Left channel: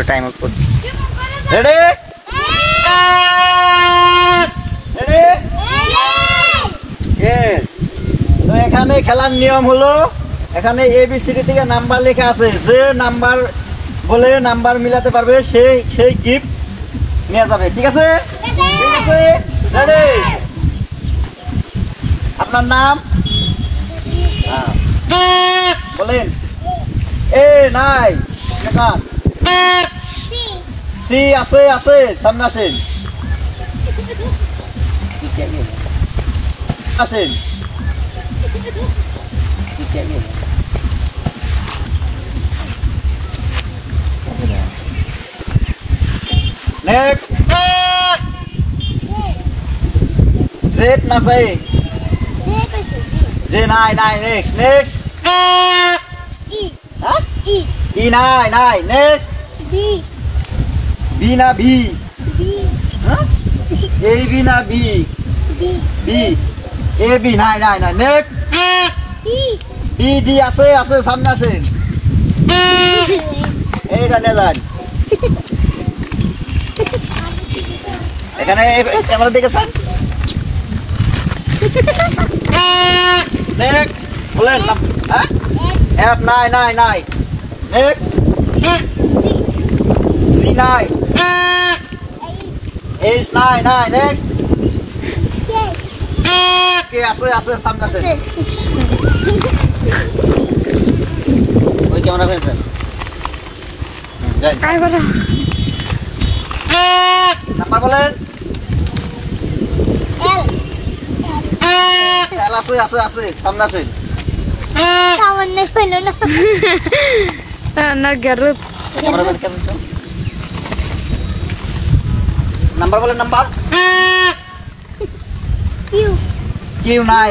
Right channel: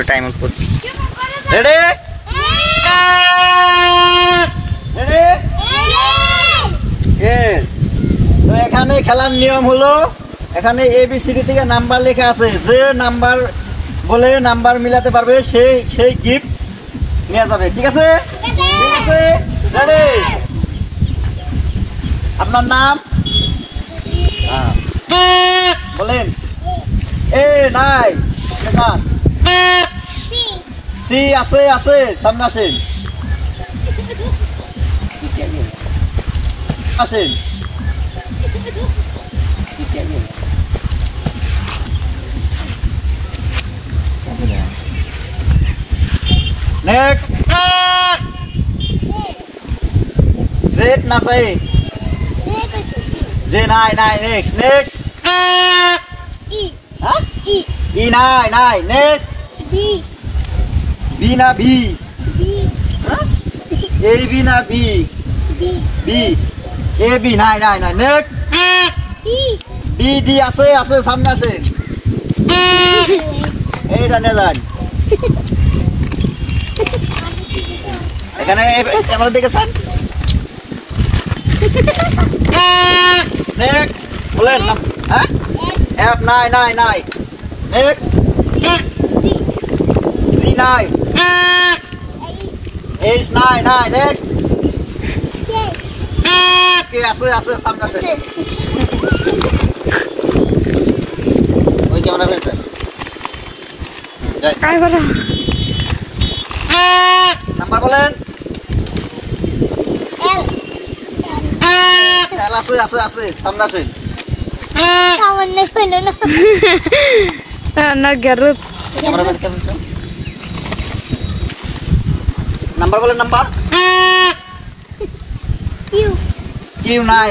পুরো time out করব ready ready yes তো এখানে খেলার নিয়ম হলো এখানে এবিসিডি থেকে নাম্বার লেখা আছে যে নাম্বার বলে নাম্বার মিলাতে পারবে সেই গিফট নিয়ে যাবে ঠিক আছে রেডি আপনার নাম বলেন এ নাই লেখান সি আছে সামনে আসেন আসেন नेक्स्ट जेड ना चाहिए जे नाई नेक्स्ट ई नाई नेक्स्ट बी ना बी ए बी ना बी ए बी नाई नेक्स्ट डी আছে সামনে আসেন এইটা নেলেন এখানে ক্যামেরা দেখেছেন নেক্সট বলেন হ্যাঁ এফ নাই নেক্সট সি নাই এইচ নাই নেক্সট কে আছে সামনে আসেন ওই ক্যামেরা ফেলছেন নাম্বার বলেন এল আছে সামনে আসেন সামনে ফেলো না গরুত ক্যামেরা বের করে ফেলছেন নাম্বার বলেন নাম্বার কিউ নাই